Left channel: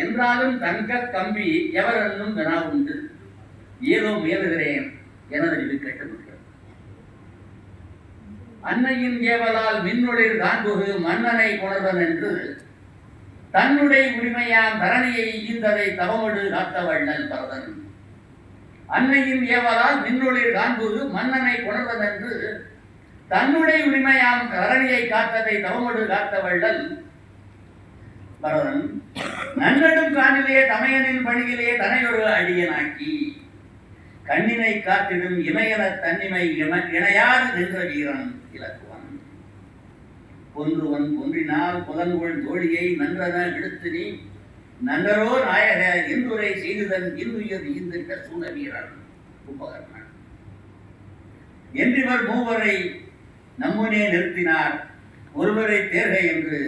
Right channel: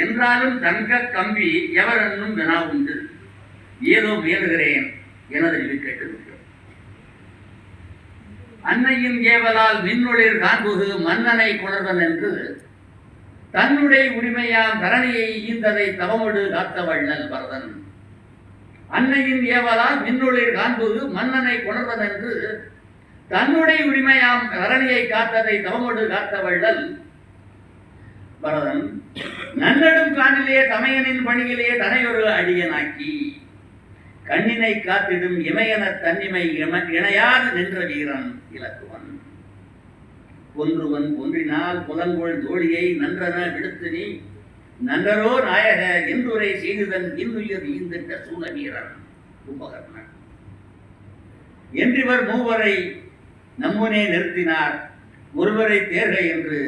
என்றாலும் தங்க கம்பி எவரென்னும் வினா உண்டு. ஏதோ முயலுகிறேன் எனது இது கேட்டுவிட்டோம் அன்னையின் ஏவலால் மின்னொளிர் காண்புகு மன்னனை கொணர்வன் என்று தன்னுடைய உரிமையாம் தரணியை ஈந்ததை தவமொடு காத்தவண்ணல் பரதன். அன்னையின் ஏவலால் மின்னொளிர் காண்புகு மன்னனை கொணர்வன் என்று தன்னுடைய உரிமையாம் தரணியை காத்ததை தவமொடு காத்தவள்ளல் பரதன் நன்னடும் காணிலே தமையனின் பணியிலே தனையொரு அடியனாக்கி கண்ணினை காத்திடும் இமையன தன்னிமை இணையாது நின்ற வீரன் இலக்குவன். கொன்றுவன் கொன்றினால் புலங்கோள் தோழியை நன்றன விடுத்து நீ நன்றரோ நாயக என்றுரை செய்துதன் இன்னுயிர் ஈந்திட்ட சூழ வீரன் கும்பகர்ணன் என்றிவர் மூவரை நம்முனே நிறுத்தினார் ஒருவரை தேர்க என்று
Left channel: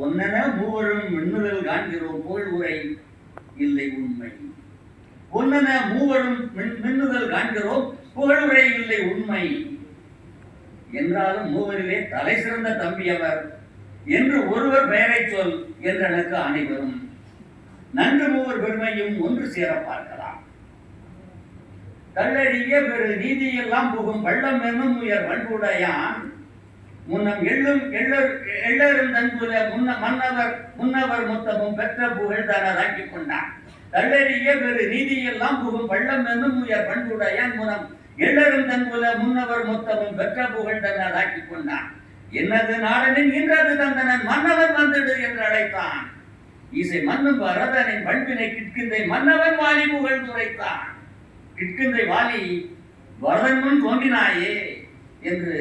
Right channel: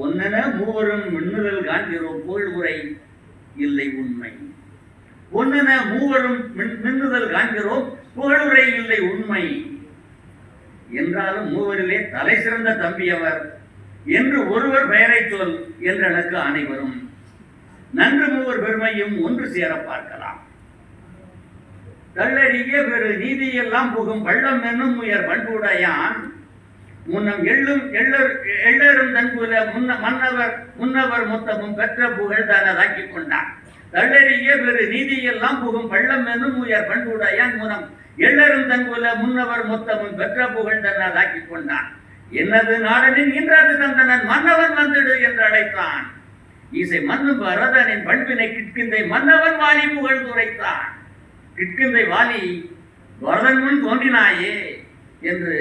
ஒன்னென மூவரும் மின்னுதல் காண்கிறோம் உரை இல்லை உண்மை. ஒன்னென மூவரும் மின்- மின்னுதல் காண்கிறோம் உரை இல்லை உண்மை. என்றாலும் மூவரிலே தலை சிறந்த தம்பி அவர். என்று ஒருவர் பெயரை சொல் என்றனக்கு அனைவரும். நன்று மூவர் பெருமையும் ஒன்று சேர பார்க்கலாம். தள்ளடிய பெரு நீதியெல்லாம் புகும் பள்ளம் என்னும் உயர் பண்புடையான் முன்னம் எள்ளும் எள்ளர் எள்ளரும் தன்புல முன்ன மன்னவர் முன்னவர் மொத்தமும் பெற்ற புகழ் தனதாக்கிக் கொண்டான் தள்ளறிய பெரு நீதியெல்லாம் புகும் பள்ளம் என்னும் உயர் பண்புடையான் முனம் எள்ளரும் தன்புல முன்னவர் மொத்தமும் பெற்ற புகழ் தனதாக்கிக் கொண்டான் என்னது நாடனின் இன்றது தந்தனன் மன்னவர் வந்துடு என்று அழைத்தான். இசை மன்னும் பரதனின் பண்பினை கிட்கிந்தை மன்னவன் வாலி புகழ் துரைத்தான். கிட்கிந்தை வாலி வரதன் முன் தோன்றினாயே என்று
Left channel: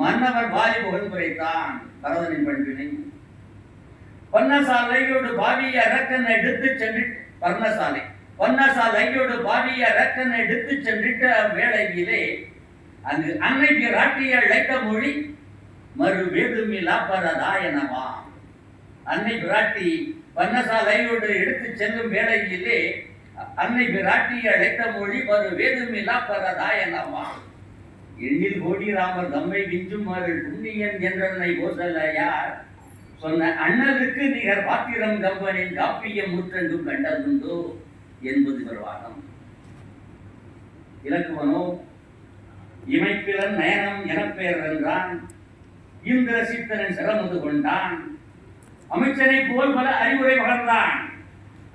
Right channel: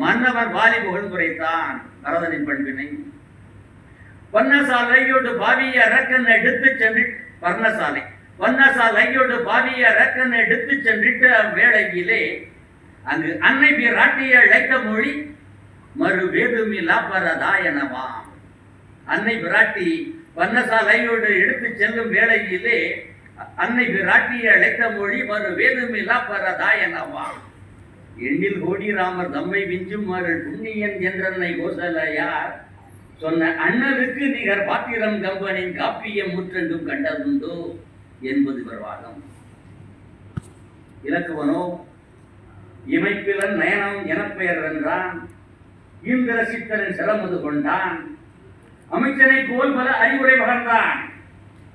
மன்னவர் வாலி புகழ் குறைத்தான் பரதனின் பண்பினை. பன்னசாலையோடு பாவிய ரக்கன் எடுத்து சென்று பர்ணசாலை. பன்னசாலையோடு பாவிய ரக்கன் எடுத்து சென்றிட்ட வேளையிலே அங்கு அன்னை பிராட்டிய அழைத்த மொழி மறு வேதுமிலா பரதாயனவாம் அன்னை பிராட்டி பன்னசாலையோடு எடுத்து செல்லும் வேளையிலே அன்னை பிராட்டிய அழைத்த மொழி மறு வேதுமிலா பரதாயனவாம் எண்ணில் கோடி ராமர் தம்மை விஞ்சும் மகள் புண்ணியன் என்றனை கோசலையார் சொன்ன அண்ணலுக்கு நிகர் பாத்திரம் கம்பனின் காப்பியம் முற்றெண்டும் கண்டதுண்டோ என்பது பிரவாகம். இலக்குவனோ இமைப்பிலன் நயனம் எனப்பெயர் என்றான் இந்திர சித்தரன் சிரமது கொண்டான். அமைச்சரை போல் பல அறிவுரை வளர்ந்தான்.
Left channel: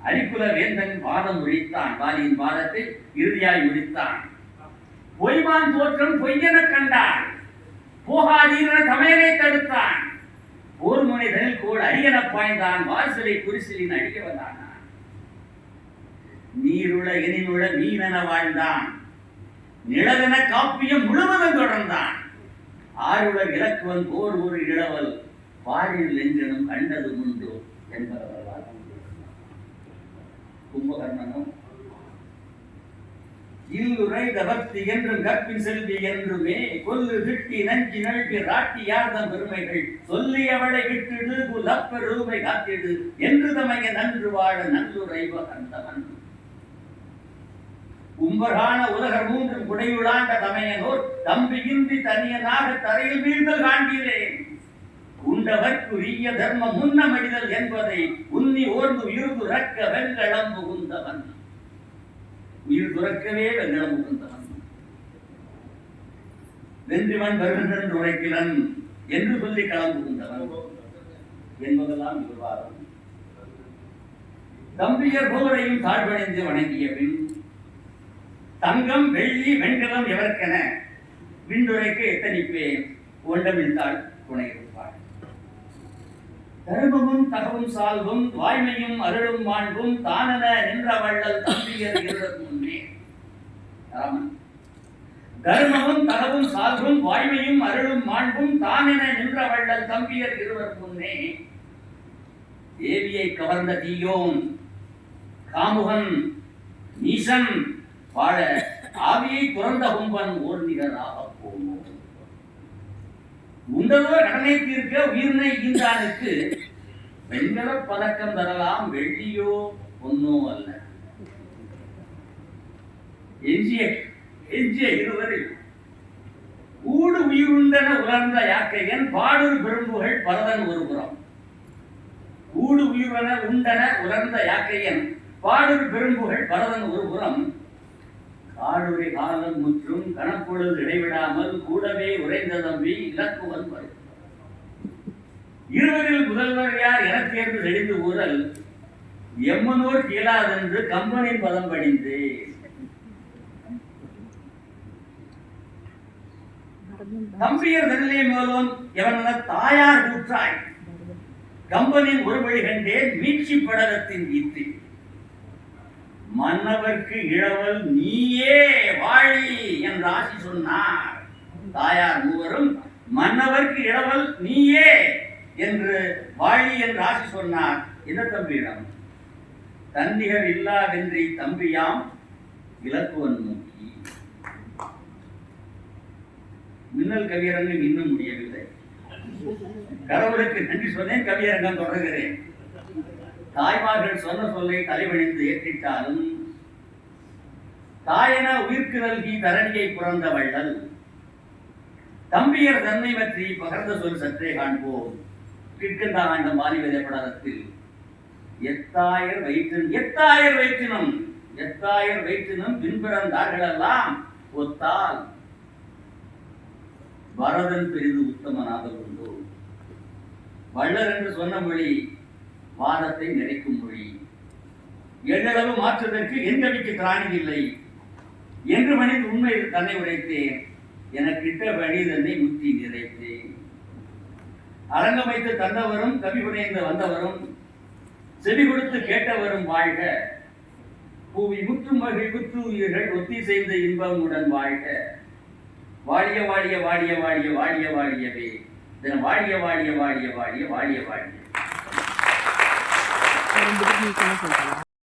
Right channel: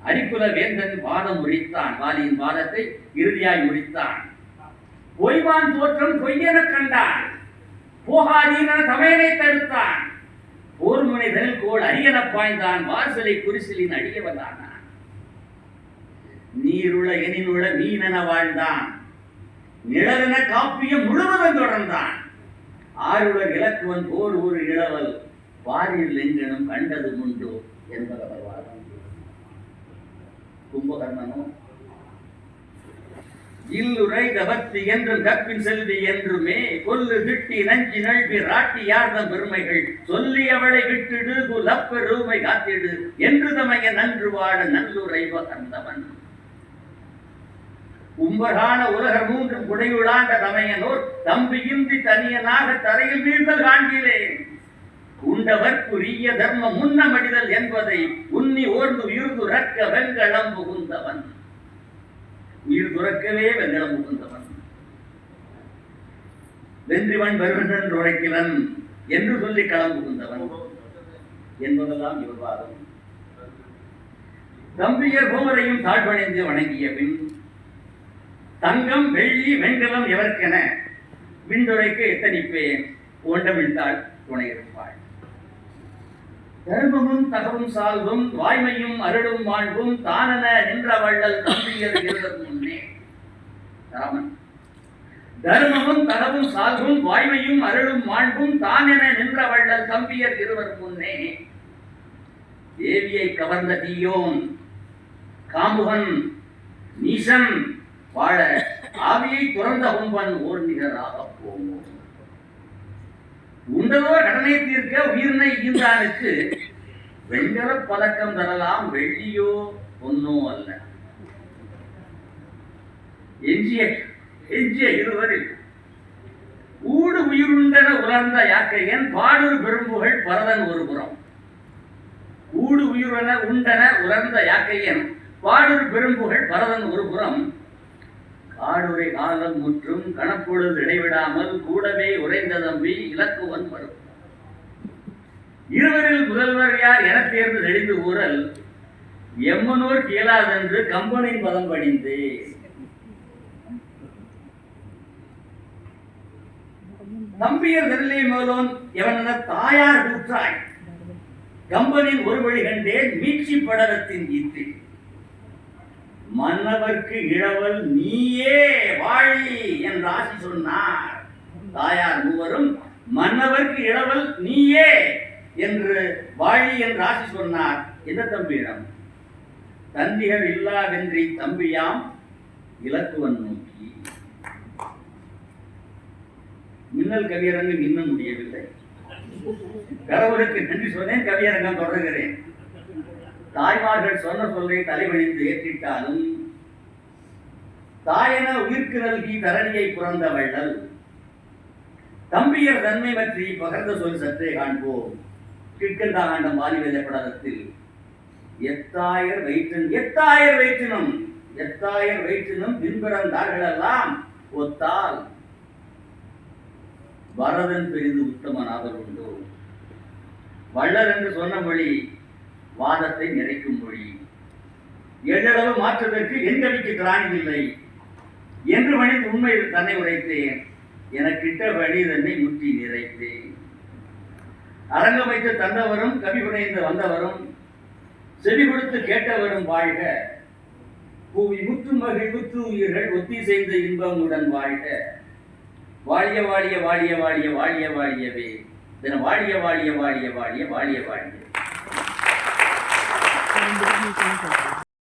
அரிக்குல வேந்தன் பாதம் முடித்தான் வாலியின் பாதத்தை இறுதியாய் முடித்தான் ஒய்வான் தோற்றம் பொய்யென கண்டான். போகாதீர தமையனை தடுத்தான். போர் முனைதல் கோள் அரியன பாய்ந்தான். வாசலை குரிசிலின் அழிய வந்தான்? நீருள எனினுள மீனென வாழ்ந்தான். நிழலென காப்பியம் முழுவதும் தொடர்ந்தான். ஆருள இலக்குவன் போர் ஒரு இளவல் பாரில் எங்கெனும் கண்டது உண்டோ என்பதவர் வாதம் கும்பகர்ணனும் இல்லுரை தவத்தி என்றும் கற்பின் செல்வி என்றுமே கொல்லு கிட்டி நஞ்சி நழுவி ராட்டி யார்தம் பெருமைகள் சொல்லி அவளை விட்டுடு குலப்பெருமை காத்திடு என்று தமைய நன்று வாழ நல்லுரை வகந்தவன் உம்பர்கான உலகர் மூன்றும் குடையுளாண்ட தமையனோர் தம்பி இன்றி தனியனாக தரையில் வீழ்தல் காண்கிறேன் உண்டவர்க்குரிய தர்மம் முன்ன மனிதல் என்பதை உன்னி ஓர்ந்து உயிர் ரக்க வெங்கடம் புகுந்தவன். உயிர் துறக்கவே வெங்கலம் உகந்தவன். வென்றிவன் வருகின்றன் உழைக்கிறன் என்று சொல்லி களம் புகுந்தவன் என்பதெல்லாம் இவர் வாதம் தம்பியர் மூவரையும் தாழ்வடைந்து வணங்கிய பின் தங்கம் வெள்ளி வெண்கலம் எவர்க்கென விண்துரைக்கு எத்தனிப்பேன்? ஓண்டமிழ்த்தாள் துணை இருப்பாள் தர்மமும் தகவும் சால்வும் வாய்மையும் அருளும் மாண்பும் தானென நின்ற வள்ளல் தம்பியர் இருவர் முன்னே. ராமன். தர்மமும் தகவும் சால்வும் வாய்மையும் அருளும் மாண்பும் தானென நின்ற வள்ளல் தம்பியர் இருவர் முன்னே. தேவியை கவர்ந்த தீயோன் காமுகன் நீசன் வாழ ஆவியை துறந்த கும்பன் ஓர் நிகராக போவோம். உண்டதோ கடனை தீர்க்க உயிர்னை ஈந்தானுக்கு வெண்கல பதக்கம் தரலாம் வெள்ளியோ ஒன்னும் அல்ல. எஞ்சிய எஞ்சிய இருவரில் ஊடு உயிருண்டன உலர்ந்த யாக்கையன் பாடு பெரும்புகள் பரதன் ஒரு புறம். ஊடு ஊடு உண்டன உலர்ந்த யாக்கையன் பாடூர் பெரும்புகழ் பரதன் ஒரு புறம். காடுரை காலம் முற்றும் கணப்பொழுது இடைவிடாமல் கூடவே உறைந்த தம்பி இலக்குவன் வரும். இருவரில் முதல்வர் யார் என தேர்ந்து தெளிந்து ஊரல் எம்மனூர் கீழாதென்று கம்பனின் பதம் படிந்து. தம்பியர் நெல்லை மேலோன் எவனென தாயார் கூற்றாய். கம்பனின் ஒரு வழி கண்டேன் மீட்சி படலத்தின் வீட்டில். மன்னவர்க்கு இழவல் நீயே வாழி என்று ஆசி சொன்னார். தாயார் மூவரும் மன்னவர்க்கு இழவல் நீயே என்று வாழி என்று ராசி சொன்னார். என்ன தம்பியிடம்? தந்திகள் இல்லாதென்றி தம்பியாம் இலக்குவன் நோக்கி. மின்னல் கவியரங்கில் இன்னும் முடியவில்லை. கடவுளுக்கு நன்றி சொன்னேன் கவியரங்கம் தொடர்கிறேன். தாய்மார்கள் சொன்ன சொல்லை தலைவணிந்து ஏற்றிட்டாலும் தாயன உயிர்க்கு நல்கி தரணியை புறந்த வள்ளல். தம்பியர் தன்மை பற்றி பகர்ந்த சொல் சற்றே காண்போம். கிட்கந்தாண்டம் வாலிபத படத்தில் எத்தாயிரம் வயிற்றின் எத்தாயிரம் வயிற்றினும் எத்தாயிரம் வயிற்றினும் பின்பிறந்தார்களெல்லாம் ஒத்தால் பரதன் பெரிது உத்தமனாதல் உண்டோ வள்ளல் என்று சொன்ன மொழி வாதத்தை நிறைக்கும் மொழி. எள்ளளவு மாற்றுவதற்கு என் கவிக்கு திராணி இல்லை. என்று மனித உண்மையில் தன்னை உடைத்தேன். எனக்கிட்ட வழி தன்னை முற்றி நிறைத்தேன். அரங்கமைத்து தந்தவரும் கவி புனைந்து வந்தவரும் செவி கொடுத்து கேட்டவரும் வாழ்க. பூவி முற்றும் வகை உயிர்கள் ஒத்தி செய்த இன்பமுடன் வாழ்க. வாழிய வாழிய வாழிய வாழிய வாழிய வாழியவே. தின வாழிய வாழிய வாழிய வாழிய வாழிய வாழிய.